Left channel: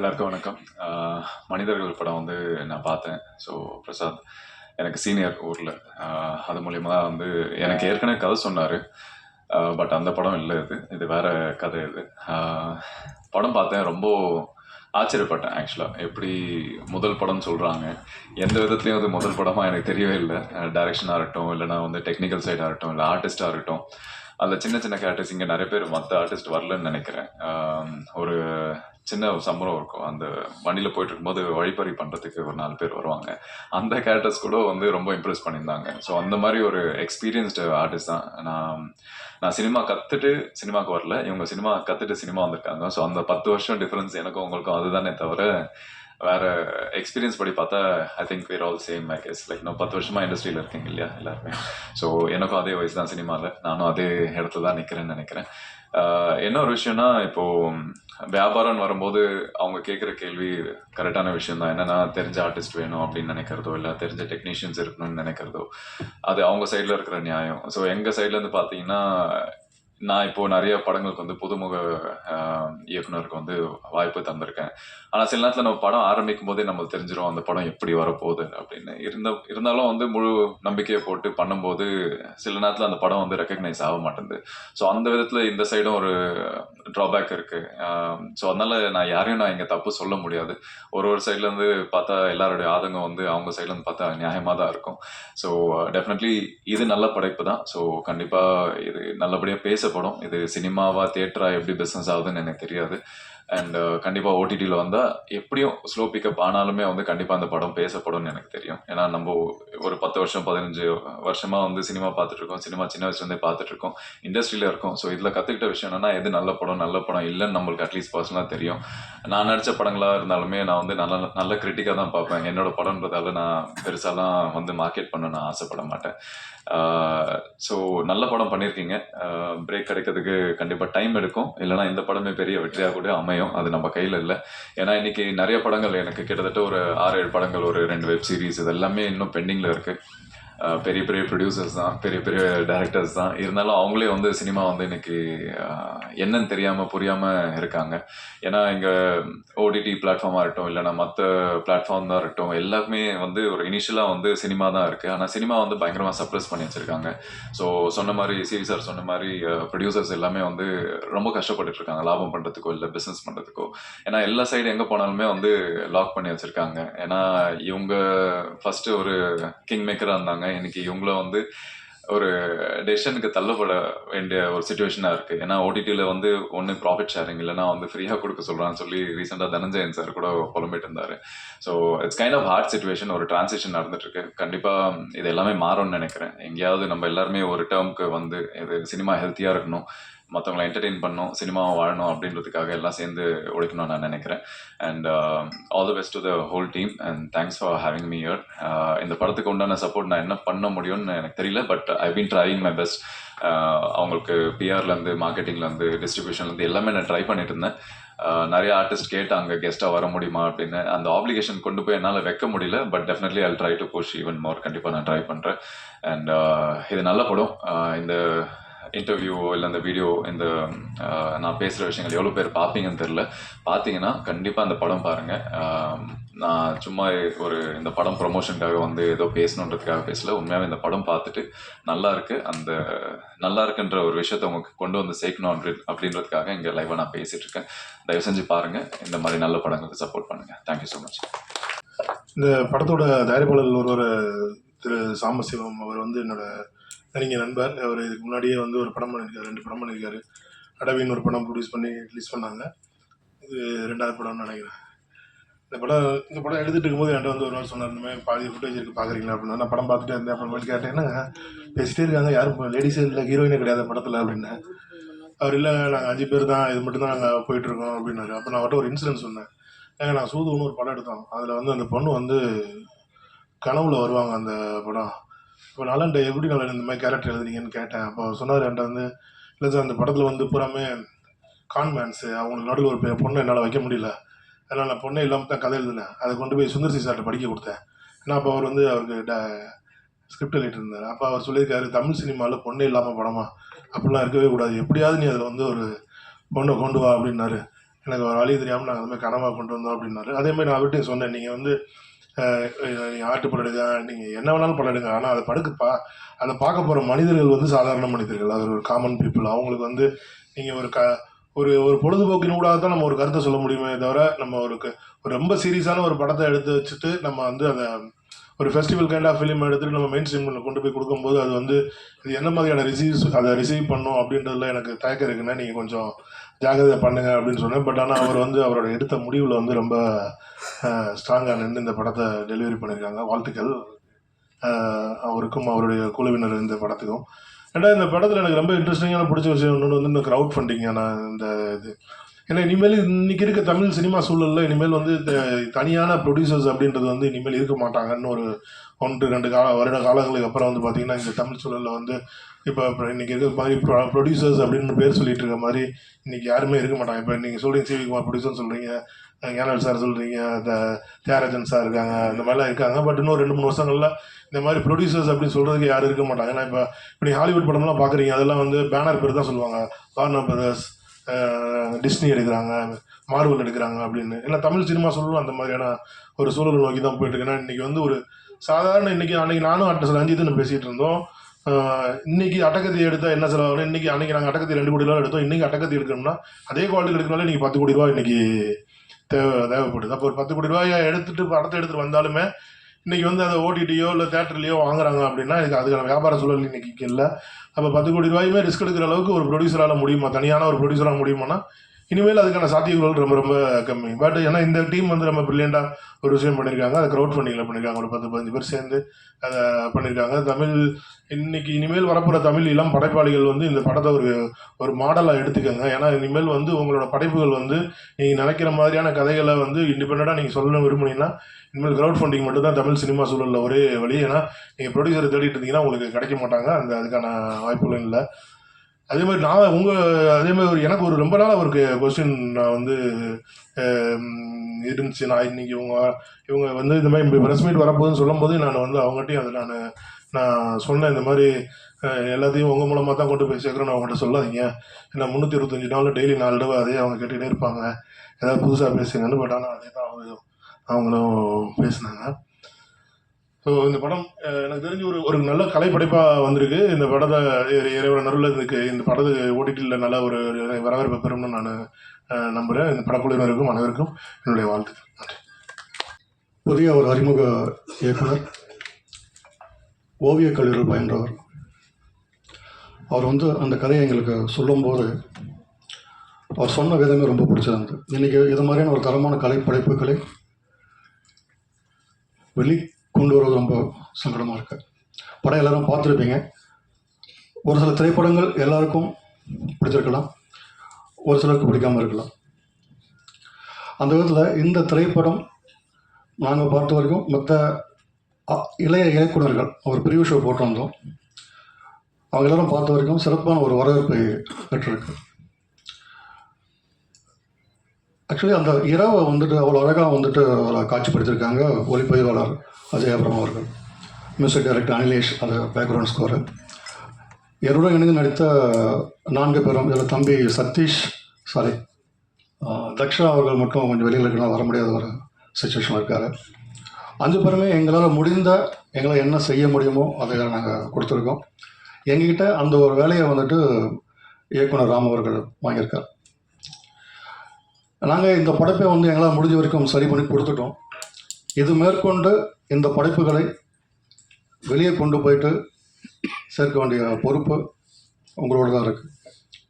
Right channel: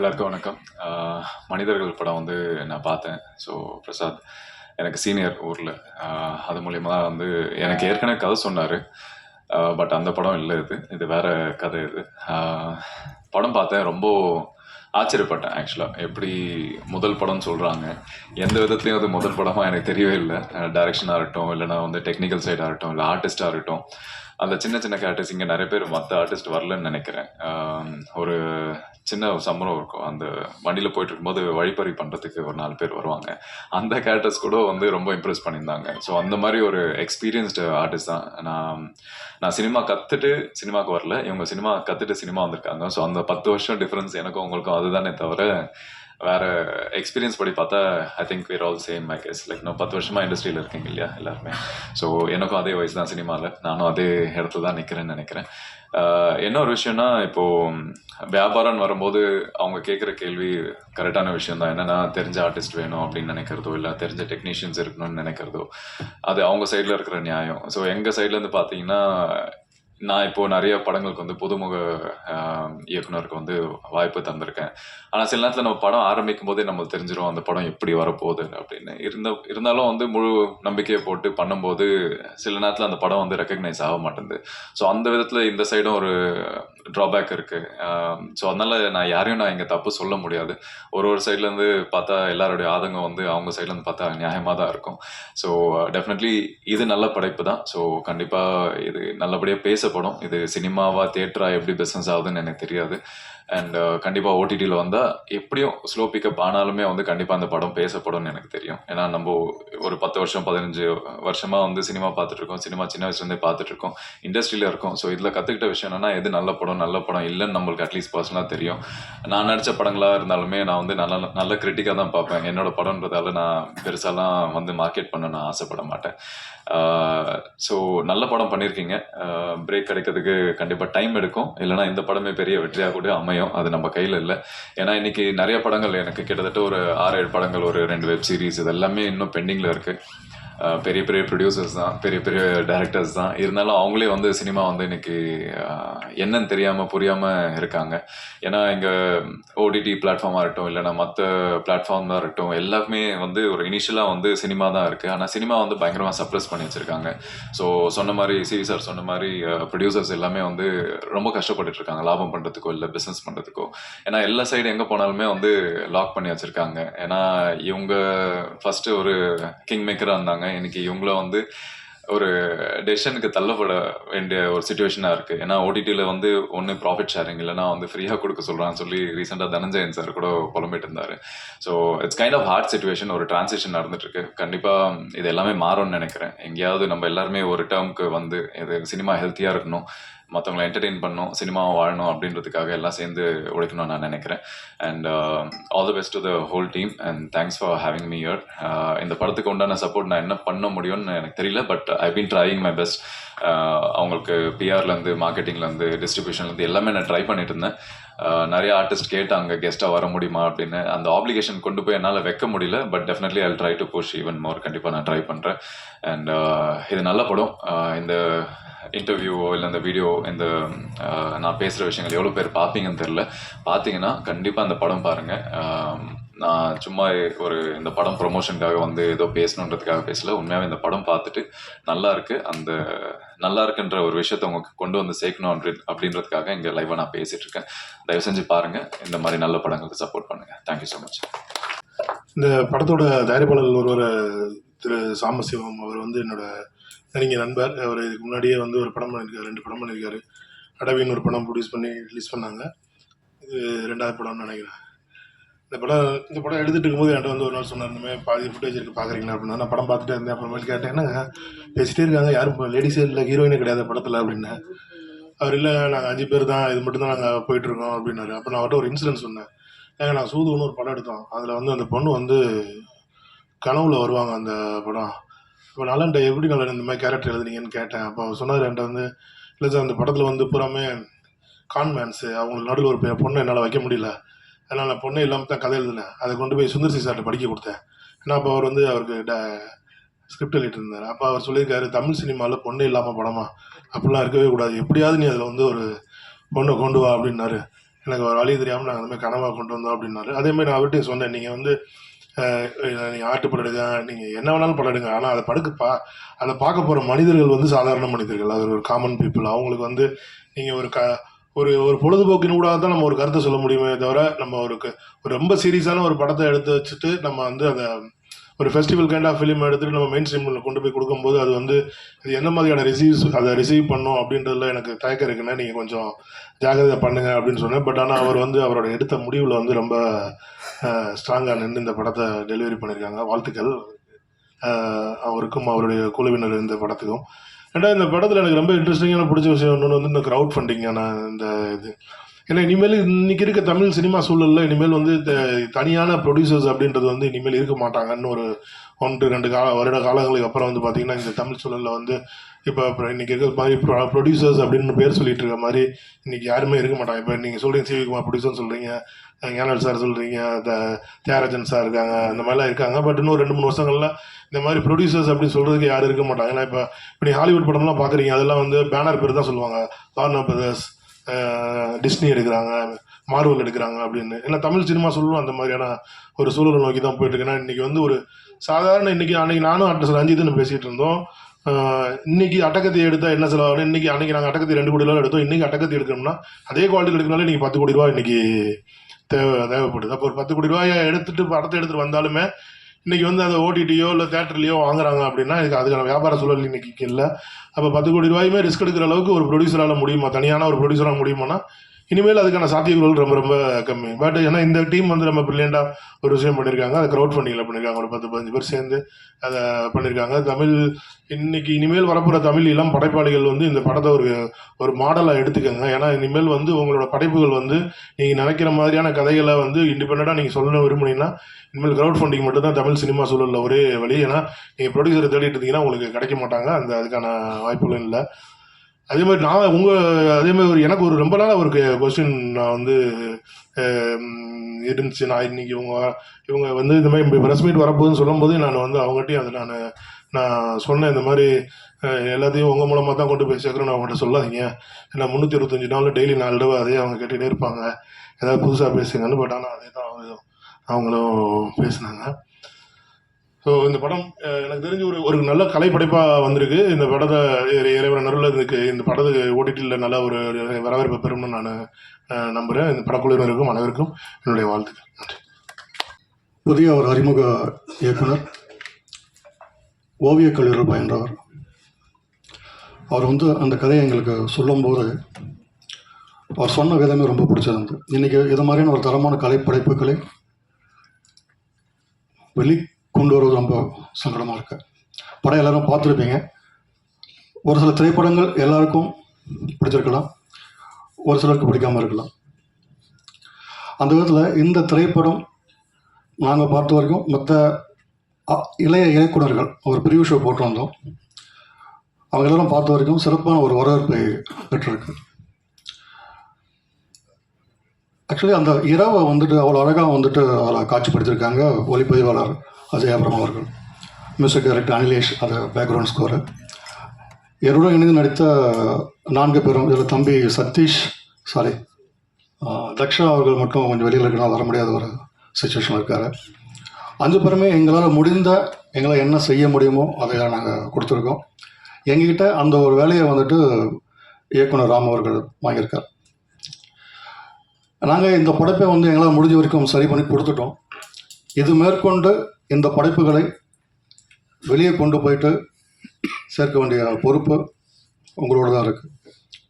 எல்லாருக்கும் வணக்கம். மனிதர்கள் படம் வந்து நான் பார்த்தேன். ஸோ பிரசாத் எனக்கு சீனியர் ஊரில். அது மூலியமா தான் வந்து எனக்கு ஏற்கனவே கதை சொன்னார். பட் அந்த படம் இல்லை, இது வேற கதை இது. படம் பார்த்தேன், ரொம்ப ஆச்சரியப்பட்டேன் ஆக்சுவலாக. எப்படி முதல் படம்னு சொல்கிறாங்க, எந்த விதத்துலையும் அது முதல் படமாக எனக்கு தெரியவே இல்லை. டைரக்ஷனாக இருக்கட்டும், இல்லைனா வந்து டெக்னிக்கல் சைடாக இருக்கட்டும், இல்லை ஆர்டிஸ்டாக இருக்கட்டும், அந்த சின்ன சின்ன கேரக்டர்ஸ் இங்கே நிறைய பேர் மற்ற ஆர்டிஸ்ட் வரலன்னு நினைக்கிறேன். ஒரு சின்ன ஒரு சம்பரம் இருக்கும். அந்த வண்டியில் போயிட்டு இருக்கும்போது வழிப்பறி பண்ணுறதுக்கு ஒரு 4 பேர் வருவாங்க. அந்த கேரக்டர்ஸ் கூட வந்து ரொம்ப இம்ப்ரெஸ் பண்ணியிருந்தாங்க. ஸோ அந்த மாதிரி ஒரு எக்ஸ்பீரியன்ஸ்டு ஆர்டிஸ்ட் தான் நான். நான் சினிமா கற்றுட்டு சினிமாவுக்கு வரல, இவங்க சினிமா கற்றுட்டு சினிமா வந்திருக்காங்க. ஸோ அந்த 10 வருஷம் டிஃப்ரென்ஸ் எனக்கும் உங்களுக்கும் அதுதானே தவிர வேற எக்ஸ்பீரியன்ஸ் படி பார்த்தா I think we're all same. I guess like நான் 10 வருஷமாக இண்டஸ்ட்ரியில் இருக்கீங்க இல்லையா எல்லாருமே. ஸோ எனக்கும் அதே வயசு தான் சினிமாவில், நானும் அதே இடத்துல தான் நிற்கிறேன்னு நினைக்கிறேன். என்ன ஒரு விஷயம்னா, இப்போது வியாபாரம்னு வரும்போது அவங்க கேட்குற கேள்வி கரெக்டான விஷயம் தான். என்னென்னா தெரிஞ்ச ஆர்டிஸ்ட் வேணும் அப்படின்னு நினைக்கிறதோ, இல்லை தெரிஞ்ச டெக்னீஷியன்ஸ் இருக்கணும்னு நினைக்கிறதோ, அது அவங்க சைடில் இருக்கிற நியாயம். ஸோ எங்கள் சைட்லேருந்து பார்த்தீங்கன்னா, நான் இப்போது நிறைய படங்களுக்கு வந்து புதுமுக இயக்குனருக்கு வந்து வாய்ப்பு தந்திருக்கேன். ஆனால் சில நேரத்தில் நம்ம படம் ஆரம்பிக்கும் போதே நம்மளுக்கு தெரிஞ்சிடும் அந்த படம் எப்படி வரப்போகுது அப்படின்னு. இருந்தாலும் வந்து முழு நம்பிக்கையை போட்டு பண்ணும்போது சில நேரத்தில் அந்த படம் வந்து ரெக்கக்னைஸ் ஆக மாட்டேங்குது. ஸோ அந்த விதத்தில் இந்த சைடும் ஒரு ட்ராபேக் இருக்குது. ஸோ அதனால் நான் யாரையும் இங்கே தப்பு சொல்ல முடியாது. ஒரு சைட்லேருந்து பார்த்தா எல்லாருடைய ஆதங்கம் வந்து அவங்க சைட்லேருந்து பார்த்தா நியாயமாக தான் இருக்கும். ஸோ டெஃபினெட்லி இது நல்ல படைப்பு தான். ஸோ கண்டிப்பாக இது நல்லபடியாக பேசப்படும். இது சினிமாவா தியேட்டரா எப்படி பிஸ்னஸ் ஆகுதுன்னு எனக்கு தெரியாது. அண்ட் கண்டிப்பாக ஓடிடியில் வந்தால் எப்படியும் ஸ்லோ பிக்கப் ஆனாலுமே வந்து கண்டிப்பாக அந்த படம் பேசப்படும்னு எனக்கு தெரியும். ஏன்னா நம்ம ஒரு 10 வருஷம் 15 வருஷமாக வந்து சினிமா பார்த்துட்ருக்கோம். சினிமா சின்ன வயசுலேருந்தே பார்த்துட்ருக்கோம், இண்டஸ்ட்ரியில் இருக்கோம். ஸோ இதில் கற்றுக்கிட்ட விஷயம் என்னென்னா, எது நல்ல படம் இல்லைன்னு நம்மளுக்கு அட்லீஸ்ட் பர்சனலாக தெரியும். நான் நடித்த படங்களாக இருந்தாலுமே நான் வந்து நல்ல கிரிட்டிக்காக தான் பார்ப்பேன். என்னோட படம்ன்றதால நான் பெருசாலாம் வந்து மார்க்கெட் பண்ண நான் ஆசைப்பட மாட்டேன். ஸோ நல்ல படம் பண்ணியிருக்கீங்க. பிரேக் கிடைக்கிறதுக்கு கண்டிப்பாக டைம் எடுக்கும், இல்லைனா இந்த படமே பெரிய வெற்றியாக கூட அமையும். அது நம்ம கையில் இல்லை. ஏன்னா இன்றைக்கி நிறைய படங்கள், எனக்கு கிட்டத்தட்ட ஒரு 6-7 படங்கள், ஒரு 2 வெப் சீரிஸ், இது எல்லாமே இன்னும் பெண்டிங்கில் இருக்குது. பெரிய பெரிய ப்ரொடியூசர்ஸ் தான், பெரிய பெரிய டைரக்டர்ஸ் தான். இருந்தாலும் அவங்களே வந்து சினிமா வந்து இன்னைக்கு என்னன்னு தெரியாமல் புரியாமல் இருக்காங்க. ஏன்னா இங்கே ஓடிடி பிளாட்ஃபார்மாக இருக்கட்டும், இல்லைனா மற்ற பிளாட்ஃபார்ம் தான் இருக்கட்டும், எல்லாமே வந்து ஒரு இனிஷியலாக வந்து சினிமா தான் இருக்குது. ஆனால் சினிமா வந்து பயங்கரமாக சப்ரஸ் பண்ணி வச்சுருக்காங்க. ஸோ சொன்ன மாதிரி சிவி சார் சொன்ன மாதிரி ப்ரொடியூசர்ஸ் எல்லாமே வந்து ரொம்ப கஷ்டப்பட்டுட்டு இருக்காங்க, லாபம் பண்ணுறதுக்கோ இல்லை பிஸ்னஸ் பண்ணுறதுக்கோ. ஏன்னா எல்லா சைடு எங்கே போனாலுமே வந்து லாக் பண்ணி வச்சுருக்காங்க. ஏன்னா இவங்க ஃபஸ்ட்டு ஒரு கிங் மேக்கராக இருந்தாங்க. இன்னைக்கு இவங்கள வந்து ஒரு டெசிஷனுக்கு தள்ளப்பட வேண்டிய ஒரு சுச்சுவேஷனாக இருக்குது. ஏன்னா ஓடிடியில் வந்து ஒன்று ப்ராஃபிட் ஷேரிங், இல்லைனா வந்து ஃப்ரீயாக கொடுக்க சொல்கிறான்னு சொல்லி ரீசெண்டாக தனஞ்சயன் சார் கூட புலம்பிட்டு இருந்தார். So it's kind of hard situation, ஒரு டிரான்சிஷன் நடந்துட்டுருக்கு. கண்டிப்பாக இது எல்லாமே மாறும்னு நினைக்கிறேன். எங்கேயாவது நம்ம எல்லாருமே ஒரு டேர்முக்கு வந்து இது சினிமா ஹெல்த்தியாக இருக்கணும், மற்றவங்களை என்டர்டெயின் பண்ணணும், சினிமாவை வாழணும் அப்படின்றதுக்காக எல்லாம் சேர்ந்து உழைக்கணும்னு நான் நினைக்கிறேன். And all the best to the whole team and thanks for having me here. இந்த படத்துக்கு உண்டான சப்போர்ட் நான் என்ன பண்ண முடியும்னு எனக்கு தெரியல, but I been trying my best. அவங்களுக்கு பிஆர்லேருந்து, மார்க்கெட்டிங்லேருந்து, டிஸ்ட்ரிபியூஷன்லேருந்து எல்லாமே நான் ட்ரை பண்ணிட்டு இருந்தேன். நிறைய ஆர்டிஸ்ட் கேட்டாங்க கெஸ்ட்டாக வர முடியுமா அப்படின்னு. அந்த ஆப்ளிகேஷன் கொண்டு போய் என்னால் வைக்க முடியல, but definitely I try to push even more. கண்டிப்பாக நான் ட்ரை பண்ணுறேன். அண்ட் இது நல்ல படம். இந்த இன்டர்வியூவோ இல்லை இந்த வீடியோ, இந்த நான் பேசுகிற விஷயங்கள் எவ்வளோ பேர் பார்ப்பீங்கன்னு தெரில. பார்த்தீங்கன்னா கண்டிப்பாக அந்த படம் பாருங்கள். நான் சும்மா ஒரு இந்த படம் ப்ரொமோஷனுக்காக வந்து ஏதோ பேசணுன்றதுக்காக பேசல. உண்மையாகவே இந்த படம் பார்த்துட்டு நல்லா இருக்குது, அந்த நல்லா இருக்குன்ற ஒரு விஷயத்தை உங்களுக்கு கொண்டு வந்து சேர்க்கணும் அப்படின்றதுக்காக இங்கே லைவாக நான் பேசிகிட்டு இருக்கேன். தயவு செஞ்சு பாருங்கள், இந்த மாதிரி நல்ல படங்களுக்கு சப்போர்ட் பண்ணுங்கள். Thank you so much. இந்த படத்தோட தயாரிப்பாளர் ஒருவர் திரு சாம்பசிவம், அவர் வந்து என்னோட நெருங்கிய நண்பர். அவர் இதுக்கு முன்னாடியே வந்து ஒரு படம் பண்ணியிருக்காரு, 2 படம் பண்ணியிருக்காரு. அடவின்னு ஒரு படம் ப்ரொடியூஸ் பண்ணி ரிலீஸ் பண்ணாங்க. இது 2வது படம்னு நினைக்கிறேன். இந்த படம் எடுத்துகிட்டு இருக்கும்போது என்கிட்ட வந்து ஒரு நாள் சொன்னார், இந்த மாதிரி பாதி ஃபுட்டேஜ் இருக்குது பார்க்குறீங்களா அப்படின்னா. நான் படம் பார்த்துட்டே இருந்தேன். அப்புறமேட்டு கேட்டேன், என்னங்க பேசிட்டே இருக்காங்க, யாரும் லேடிஸே இல்லை, ஹீரோயினே கிடையாது படத்தில் அப்படின்னு. அவர் இல்லை, நாங்கள் 5 பேர் தான், இது மட்டும் தான் நாங்கள் போயிட்டுருக்கோம் அப்படின்னாரு. அப்போ நான் அவர்கிட்ட ஒரு இன்சிடென்ட் சொன்னேன். ஏங்க நாங்கள் சூதுன்னு ஒரு படம் எடுத்தோம், அதில் வந்து அந்த பொண்ணு வந்து கனவுல வருவாங்க அந்த படம். இப்போ நலன்ட்ட எப்படி நலன் இந்த மாதிரி கேரக்டர் எழுதுனீங்கன்னு கேட்டேன். அப்போ சொன்னார் என்கிட்ட வந்து, இல்லை சார் அந்த படத்தில் வந்து பூராமே கான்மேன்ஸு, அவங்களுக்கு நடுவில் ஒரு பொண்ணை என்னால் வைக்க முடியல, அதனால் நான் பொண்ணே இல்லாமல் தான் கதை எழுதினேன். அதை கொண்டு போய் சுந்தர்சி சார்கிட்ட படிக்க கொடுத்தேன். ஏன்னா அப்போ அவர் வந்து அவருக்கு ஸ்கிரிப்ட் எழுதிட்டு இருந்தார். அப்போ அவர் சொல்லியிருக்காரு, தமிழ் சினிமாவில் பொண்ணே இல்லாமல் படமா, அப்படிலாம் இருக்கவே கூடாது, எப்படியாவது நீ அதில் வந்து ஒரு பொண்ணை கொண்டு வா அப்படின்னாரு. எனக்கு ஒரு வழி தெரியாமல் நாங்கள் அந்த மாதிரி கனவாக கொண்டு வந்தோம் அப்படின்னாரு. அதேமாதிரி நான் அவர்கிட்டையும் சொன்னேன், நீங்கள் வந்து நீங்கள் ஆட்டு படம் எடுங்க, நீங்கள் என்ன வேணாலும் படம் எடுங்க, ஆனால் அதை அதை பார்க்க போகிற மனிதர்கள் வந்து சாதாரண மனிதர்கள், அது ஒரு காமன் பீப்புள். அவங்களுக்கு வந்து நீங்கள் ஒரு ஒரு பொழுதுபோக்கின் ஊடாக தான் நம்ம ஒரு கருத்தை சொல்ல முடியுமே தவிர, நம்ம ஒரு ரொம்ப சீரியஸான ஒரு படத்தை எடுத்து வச்சுட்டு நம்ம வந்து அதை ஒரு ஃபெஸ்டிவல் கைண்ட் ஆஃப் ஃபிலிம் எடுத்துகிட்டு நம்ம மெயின் ஸ்ட்ரீமில் கொண்டு போய் கொடுக்கும்போது அது வந்து அது என்ன மாதிரியான அதை ரிசீவ் பண்ணும் அப்படின்றதுல எனக்கு தயக்கம் இருக்குன்னா நீங்கள் கொஞ்சம் ஜாகிரதை பண்ணுங்க அப்படின்னு சொன்னேன். பட் ஆனால் அவர் வந்து அவரோட எடுத்த முடிவில் வந்து ரொம்ப ஸ்ட்ராங்காக நின்று இந்த படத்தை டெலிவரி பண்ணியிருக்காங்க. வாழ்த்துக்கள் அவருக்கும் அவருடைய குழுவினர் இந்த படத்துக்கும். ரெண்டாவது, இந்த படத்தில் எனக்கு ரொம்ப இன்ட்ரெஸ்டிங்கான பிடிச்ச விஷயம் ஒன்று வந்து இந்த க்ரௌட் ஃபண்டிங்கான இந்த இது. ஏன்னா இனிமேல் இன்றைக்கி இருக்க தமிழ் சினிமா சூழலில் இனிமேல் வந்து தனியான ப்ரொடியூசர்ஸ் அப்படின்றது வந்து இனிமேல் இருக்க மாட்டாங்கன்னு ஒரு 1-2 வருட காலங்களுக்கு அப்புறம் வந்து பார்த்திங்கன்னா இந்த தமிழ் சூழலில் வந்து இப்போ இன்றைக்கி இருக்கிற மாதிரி ப்ரொடியூசர்ஸ் அப்படின்னு பேர் சொல்லிட்டு இருக்க மாதிரி இன்றைக்கி யாருமே இருக்க மாட்டாங்க. இப்போ நீங்கள் சொல்கிறீங்க சிவி குமார் ப்ரொடியூசர்னு சொல்கிறீங்க, ஞானவேல் சார் சொல்கிறீங்க, தியாகராஜன் சார் இருக்காங்க, இந்த மாதிரிலாம் இருக்காங்க. பட் இன்னும் 2-3 வருஷங்களில் இந்த மாதிரி ப்ரொடியூசர்ஸ் அப்படின்னு சொல்கிறதுக்கு யாரும் இருக்க மாட்டாங்க. ஏன்னா இப்போ நீ ஹாலிவுட் படம்லாம் பார்க்குறீங்க, அதெல்லாம் வந்து பேனர் பேர் தான் சொல்லுவாங்க. வார்னர் பிரதர்ஸ், டிஸ்னி எடுக்கிறாங்க, மார்வல் எடுக்கிறாங்க அப்படின்னு. ஏன்னா தமிழ் சினிமா சூழலும் அந்த மாதிரியான ஒரு சூழலை நோக்கி தான் போயிட்டு இருக்கு. ஏன்னா இன்றைக்கி வந்து ஒரு சாதாரண அன்றைக்கி நானும் ரஞ்சித்துன்னு பேசிகிட்டு இருந்தோம். இன்னைக்கு அட்டகத்தி எடுத்தால் என்ன செலவாகும், அன்றைக்கி நாங்கள் அட்டகத்தி 2 கோடி ரூபா எடுத்தோம். இன்றைக்கி அட்டகத்தி எடுக்கணும்னா அதே குவாலிட்டி எடுக்கனாலே நீங்கள் 10 கோடி ரூபா இன்றைக்கி தேவைப்படுது. அப்போ ஒரு 10 கோடி ரூபாயை படத்தை எடுத்துகிட்டு வந்தாலுமே இன்றைக்கி வந்து அதை ஓடிடியோ இல்லை தேட்டர்லையோ வாங்குறாங்க அப்படின்னா அதுக்கான வியாபார சூழல் இன்றைக்கி இல்லை. அப்போ 10 கோடி ரூபாயுமே ரிஸ்க் எடுக்கிற அளவுக்கு ஒரு ப்ரொடியூசரால் முடியுமா, தனியான ஒரு ப்ரொடியூசராக முடியுமானா இனிமேல் அதுக்கான சாத்தியங்கள் ரொம்ப ரொம்ப கம்மி. பட் ஏன்னா இந்த டீம் வந்து ரொம்ப ப்ரில்லியண்டாக ஒரு விஷயம் பண்ணியிருக்காங்க. அதை க்ரௌட் ஃபண்டிங்கில் பண்ணியிருக்காங்க. ஒரு 10-15 பேர் சேர்ந்து அதை பண்ணியிருக்காங்க. இனிமேல் வரப்போகிற தமிழ் இளம் படைப்பாளிகள் வந்து இந்த படத்தை ஒரு மாடலாக எடுத்துக்கோங்க. ஏன்னா இனிமேல் வந்து உங்களோட படைப்புகள் வந்து நீங்கள் நினைக்கிற மாதிரியான கதைகளை வந்து இண்டிபெண்ட்டாக நீங்கள் சொல்லணும் விரும்புனீங்கன்னா இனிமேல் க்ரௌட் ஃபண்டிங் மட்டும் தான் தமிழ் சினிமா சூழலில் ஒரே வழி. ஏன்னா நீங்கள் ப்ரொடியூசரை தேடிட்டு இருந்தீங்கன்னா உங்களுக்கு கிடைக்க மாட்டாங்க, அதுக்கான வாய்ப்புகளும் இல்லை. அதேமாதிரி அதேமாதிரி எனக்கு ஒரு ரொம்ப நாளாக ஒரு கொஸ்டின் நான் வந்து இருந்துச்சு. நான் இன்றைக்கி இவங்க வந்து இந்த மாதிரி ப்ரெஸ் மீட் வரப்போகுதுன்னு சொல்லும்போது நான் வந்து அவங்ககிட்டையும் அதை நான் சொன்னேன். இந்த மாதிரி எல்லாத்தையும் உங்கள் மூலமாக தான் கொண்டு போய் சேர்க்குறேன், அவங்கள்ட்ட சொல்லாதீங்க. ஏன்னா 365 நாள் டெய்லி 4 தடவை அதே அவங்க கேட்டுகிட்டே இருப்பாங்க, ஏதாவது புதுசாக பேசுங்கன்னு. பட் ஆனால் அதே தான் அவங்களும் பேசினாங்க. ஸோ இந்த படம் எனக்கு தெரிஞ்சு ஒரு நல்ல கலைப்படைப்பாக வந்திருக்கு. இந்த படத்தை இறைவன் நடுவில் இந்த படத்தை ஓடிடியில் நல்ல ஒரு வரவேற்பு பெறும்னு நான் நம்புகிறேன். இந்த படக்குழுவினருக்கும் அனைவருக்கும் என்னுடைய வாழ்த்துக்கள். நன்றி. புதிய ஒரு அறிமுக இயக்குனர், ஓவியக் கல்லூரியில் பயின்றவர். அவர் வந்து அந்த கதையை எங்களுக்கு சொல்லும்போது அவர் சொன்ன விதமே ரொம்ப பிடிச்சது. இன்றைக்கி இது மாதிரியான ஒரு தரமான கலைப்படைப்புகளை கொண்டு வருவது ரொம்ப சங்கடமாக இருக்கு. படம் எல்லாரும் பார்த்துருப்பீங்க. ஒரு சில திரைப்படங்கள் எல்லாருக்கும் பிடிச்சிருக்கலாம், ஒரு சிலருக்கு பிடிக்காமல் இருக்கலாம். அந்த விதத்தில் இந்த திரைப்படம் நாங்கள் பார்த்த வரைக்கும் மற்ற இளைய இயக்குனர்கள் ஒரு ப்ரிவ்யூ ஷோ போட்டு வந்தோம். அவங்க எல்லாரும் பார்த்த வரைக்கும் சிறப்பான ஒரு வரவேற்பை பெற்றிருக்கு. ஆக்சுவலி அந்த இரவை வந்துட்டு அவ்வளோ அழகாக வந்துட்டு அதில் காட்சிப்படுத்தியிருக்காங்க ஒளிப்பதிவாளர் அஜய் அப்ரம் அவர்கள், மியூசிக் டைரக்டர் அனிலேஷ், அது பேக்ரவுண்ட் ஸ்கோரு. என்னுடன் இணைந்து நடித்த 4 பேரும், இதில் தம்பி சதீஷ், தக்ஷா அவர்கள் மட்டும் கொஞ்சம் வெளியில் இருக்கனால வர முடியாத ஒரு சுச்சுவேஷன் இருக்கார். 5 பேருமே எங்களால் என்ன செய்ய முடியுமோ அதை நாங்கள் கொடுத்துருக்கோம். எங்ககிட்ட அந்த ஒரு வேலையை வந்துட்டு இயக்குனர் ராம் அவர்கள் வாங்கியிருக்கார். நாங்கள் இந்த படைப்பை வந்து எங்களால் முடிஞ்ச வரைக்கும் சரி பண்ணி கொடுத்துட்டோம். இது மேற்கொண்டு இந்த படைப்புகளை வெளியே கொண்டு போயிட்டு சேர்க்க வேண்டிய பொறுப்பு உங்களோட தான் இருக்குது.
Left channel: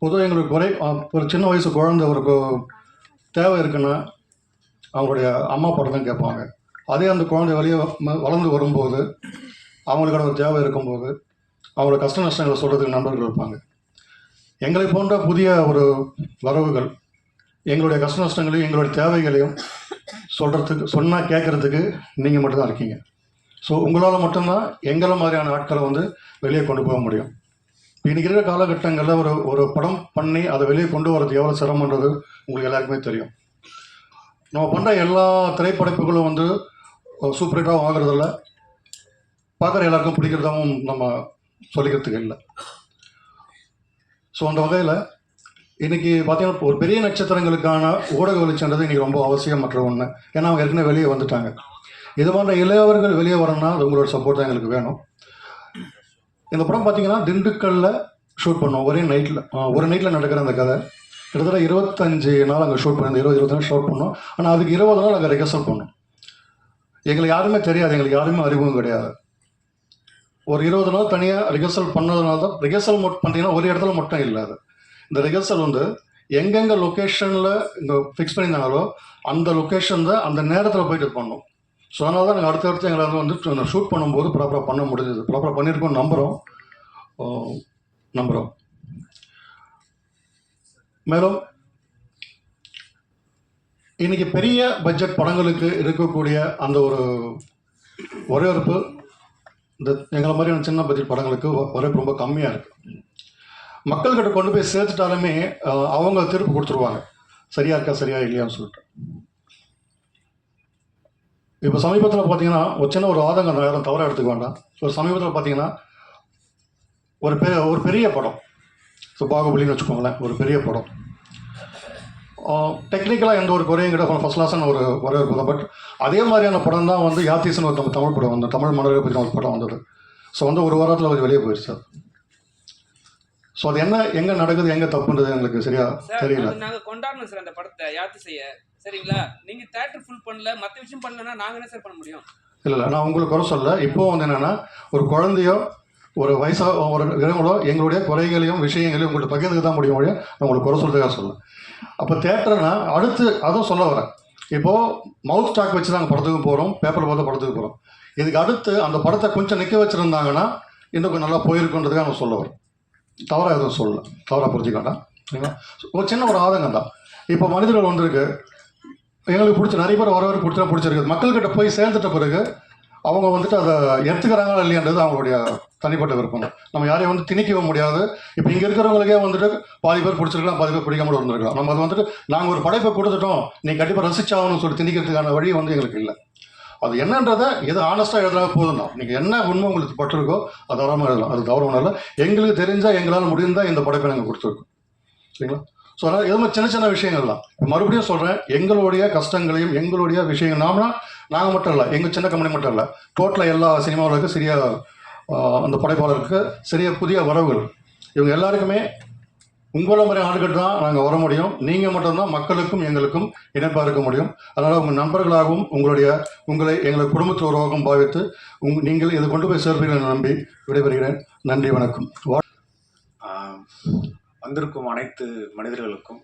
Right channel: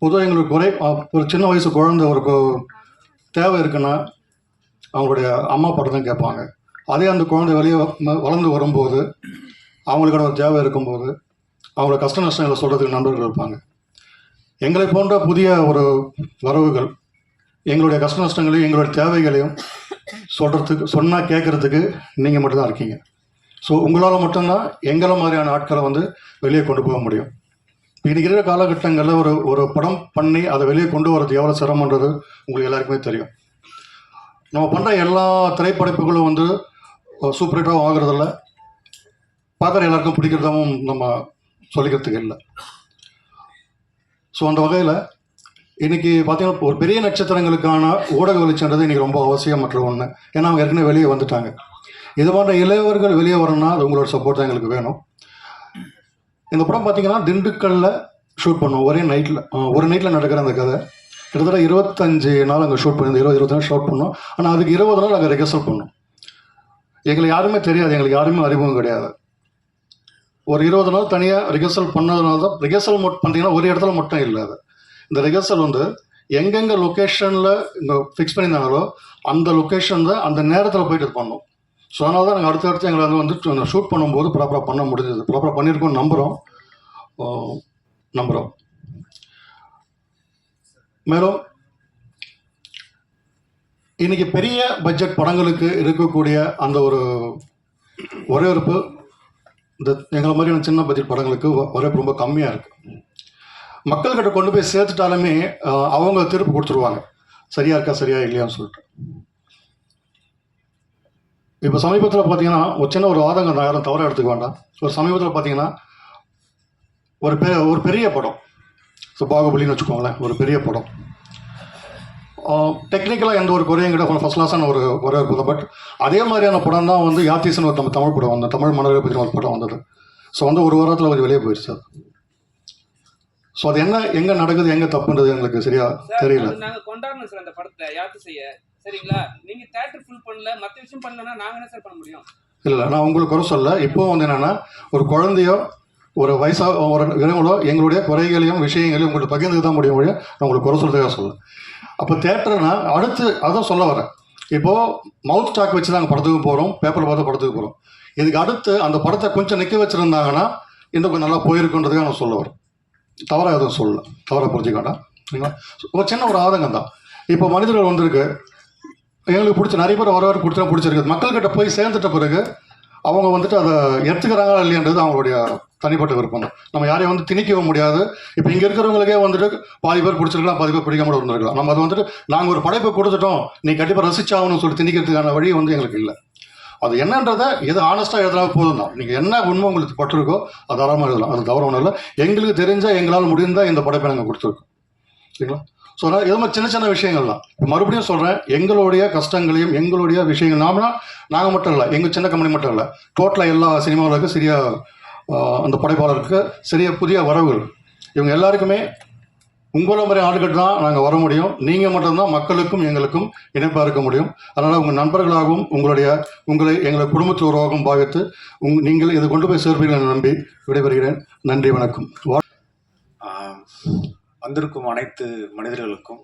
பொதுவாக எங்களுக்கு ஒரு சின்ன வயசு குழந்தை ஒரு தேவை இருக்குன்னா அவங்களுடைய அம்மா படம் தான் கேட்பாங்க. அதே அந்த குழந்தை வெளியே வளர்ந்து வரும்போது அவங்களுக்கான ஒரு தேவை இருக்கும்போது அவங்களோட கஷ்ட நஷ்டங்களை சொல்கிறதுக்கு நண்பர்கள் இருப்பாங்க. எங்களை போன்ற புதிய ஒரு வரவுகள் எங்களுடைய கஷ்ட நஷ்டங்களையும் எங்களுடைய தேவைகளையும் சொன்னால் கேட்குறதுக்கு நீங்கள் மட்டும்தான் இருக்கீங்க. ஸோ உங்களால் மட்டும்தான் எங்களை மாதிரியான ஆட்களை வந்து வெளியே கொண்டு போக முடியும். இன்றைக்கி இருக்கிற காலகட்டங்களில் ஒரு படம் பண்ணி அதை வெளியே கொண்டு வரது எவ்வளோ சிரமன்றது உங்களுக்கு எல்லாருக்குமே தெரியும். நம்ம பண்ணுற எல்லா திரைப்படைப்புகளும் வந்து சூப்பர் ஹிட்டாகவும் ஆகிறதில்ல, பார்க்குற எல்லாருக்கும் பிடிக்கிறதாகவும் நம்ம சொல்லிக்கிறதுக்கு இல்லை. ஸோ அந்த வகையில் இன்றைக்கி பார்த்தீங்கன்னா ஒரு பெரிய நட்சத்திரங்களுக்கான ஊடக வெளிச்சன்றது இன்றைக்கி ரொம்ப அவசியமற்ற ஒன்று. ஏன்னா அவங்க ஏற்கனவே வெளியே வந்துட்டாங்க. இது போன்ற இளையவர்கள் வெளியே வரணும்னா அது உங்களோட சப்போர்ட் தான் எங்களுக்கு வேணும். இந்த படம் பார்த்தீங்கன்னா திண்டுக்கல்லில் ஷூட் பண்ணோம் ஒரே நைட்டில். ஒரு நைட்டில் நடக்கிற அந்த கதை கிட்டத்தட்ட 25 நாள் அங்கே ஷூட் பண்ணி 20 நாள் ஷூட் பண்ணோம். ஆனால் அதுக்கு 20 நாள் அங்கே ரிஹர்சல் பண்ணோம். எங்களுக்கு யாருமே தெரியாது, எங்களுக்கு யாருமே அறிமுகம் கிடையாது. ஒரு 20 நாள் தனியாக ரிஹர்சல் பண்ணதுனால தான் ரிஹர்சல் பார்த்தீங்கன்னா ஒரு இடத்துல மட்டும் இல்லை. அது இந்த ரிஹர்சல் வந்து எங்கெங்கே லொக்கேஷனில் இங்கே ஃபிக்ஸ் பண்ணியிருந்தாங்களோ அந்த லொக்கேஷனில் அந்த நேரத்தில் போயிட்டு இது பண்ணோம். ஸோ அதனால தான் நாங்கள் அடுத்தடுத்து எங்களை வந்து ஷூட் பண்ணும்போது ப்ராப்பராக பண்ண முடிஞ்சது. ப்ராப்பராக பண்ணியிருக்கோம் நம்புகிறோம். மேலும் இன்றைக்கி பெரிய பட்ஜெட் படங்களுக்கு இருக்கக்கூடிய அந்த ஒரு வரவேற்பு இந்த எங்களை மாதிரியான சின்ன பட்ஜெட் படங்களுக்கு வரவேற்பு ரொம்ப கம்மியாக இருக்குது. மக்கள்கிட்ட கொண்டு போய் சேர்த்துட்டாலுமே அவங்க திருப்பி கொடுத்துருவாங்க, சரியா இருக்கா சரியா இல்லையான்னு சொல்லிட்டு. இப்போ சமீபத்தில் பார்த்தீங்கன்னா ஒரு சின்ன ஒரு ஆதங்கம், நான் யாரும் தவறாக எடுத்துக்க வேண்டாம். ஒரு சமீபத்தில் பார்த்தீங்கன்னா ஒரு பெரிய படம், ஸோ பாகுபலின்னு வச்சுக்கோங்களேன், ஒரு பெரிய படம் டெக்னிக்கலாக எந்த ஒரு குறையும் கிட்ட ஃபஸ்ட் கிளாஸான ஒரு வரவேற்பு தான். பட் அதே மாதிரியான படம் தான் வந்து யாத்தீஸ்னு ஒரு தமிழ் படம் வந்து தமிழ் மன்னர்களை பற்றின ஒரு படம் வந்தது. ஸோ வந்து ஒரு வாரத்தில் அவர் வெளியே போயிடுச்சு. ஸோ அது எங்கே நடக்குது, எங்கே தப்புன்றது எங்களுக்கு சரியா தெரியல. நாங்கள் கொண்டாடணும் சார் அந்த படத்தை யாத்து செய்ய, சரிங்களா? நீங்கள் தேட்டர் ஃபுல் பண்ணல, மற்ற விஷயம் பண்ணலன்னா நாங்கள் என்ன சார் பண்ண முடியும்? இல்லை, நான் உங்களுக்கு குறை சொல்ல. இப்போவும் வந்து என்னென்னா ஒரு குழந்தையோ ஒரு வயசாக ஒரு இளங்களோ எங்களுடைய குறைகளையும் விஷயங்களையும் உங்களுக்கு பகிர்ந்து தான் முடியும் மொழியும் நான் உங்களுக்கு குறை சொல்றதுக்காக சொல்லுவேன். அப்போ தேட்டர்னா அடுத்து அதான் சொல்ல வரேன். இப்போது மவுத் ஸ்டாக் வச்சு நாங்கள் படத்துக்கு போகிறோம், பேப்பர் பார்த்து படத்துக்கு போகிறோம். இதுக்கு அடுத்து அந்த படத்தை கொஞ்சம் நிற்க வச்சுருந்தாங்கன்னா இன்னும் கொஞ்சம் நல்லா போயிருக்குன்றதுக்காக நான் சொல்ல வரேன். தவறாக எதுவும் சொல்லலை, தவறாக புரிஞ்சுக்க வேண்டாம், சரிங்களா? ஒரு சின்ன ஒரு ஆதங்கம் தான். இப்போ மனிதர்கள் வந்திருக்கு, எங்களுக்கு நிறைய பேர் வரவேற்பு பிடிச்சிருக்கு. மக்கள்கிட்ட போய் சேர்ந்துட்ட பிறகு அவங்க வந்துட்டு அதை எடுத்துக்கிறாங்களா இல்லையான்றது அவங்களுடைய தனிப்பட்ட விருப்பம் தான். நம்ம யாரையும் வந்து திணிக்கவும் முடியாது. இப்போ இங்கே இருக்கிறவங்களுக்கே வந்துட்டு பாதி பேர் பிடிச்சிருக்கலாம், பாதி பேர் பிடிக்காம இருந்திருக்கலாம். நம்ம அதை வந்துட்டு நாங்கள் ஒரு படைப்பை கொடுத்துட்டோம், நீ கண்டிப்பாக ரசிச்சாகணும்னு சொல்லி திணிக்கிறதுக்கான வழி வந்து எங்களுக்கு இல்லை. அது என்னன்றதை எது ஆனஸ்ட்டாக எழுதினா போதும் தான். நீங்கள் என்ன உண்மை உங்களுக்கு பட்டிருக்கோ அது தாராளமாக எழுதலாம், அது தவறு ஒன்றும் இல்லை. எங்களுக்கு தெரிஞ்சால் எங்களால் முடிந்தால் இந்த படைப்பை நாங்கள் கொடுத்துருக்கோம், சரிங்களா? ஸோ அதனால் எதுவும் சின்ன சின்ன விஷயங்கள் தான். மறுபடியும் சொல்கிறேன், எங்களுடைய கஷ்டங்களையும் எங்களுடைய விஷயங்கள் நாங்கள் மட்டும் இல்லை, எங்கள் சின்ன கம்பெனி மட்டும் இல்லை, டோட்டலாக எல்லா சினிமாவுக்கு சரியாக அந்த படைப்பாளருக்கு சரியாக புதிய வரவுகள் இவங்க எல்லாருக்குமே உங்களை மாதிரி ஆளுகிட்ட தான் நாங்கள் வர முடியும். நீங்கள் மட்டும்தான் மக்களுக்கும் எங்களுக்கும் இணைப்பாக இருக்க முடியும். அதனால் உங்கள் நண்பர்களாகவும் உங்களை எங்கள் குடும்பத்தோராகவும் பாவித்து நீங்கள் இதை கொண்டு போய் சேர்ப்பீர்கள் நம்பி விடைபெறுகிறேன். நன்றி, வணக்கம். வந்திருக்கும் அனைத்து மனிதர்களுக்கும்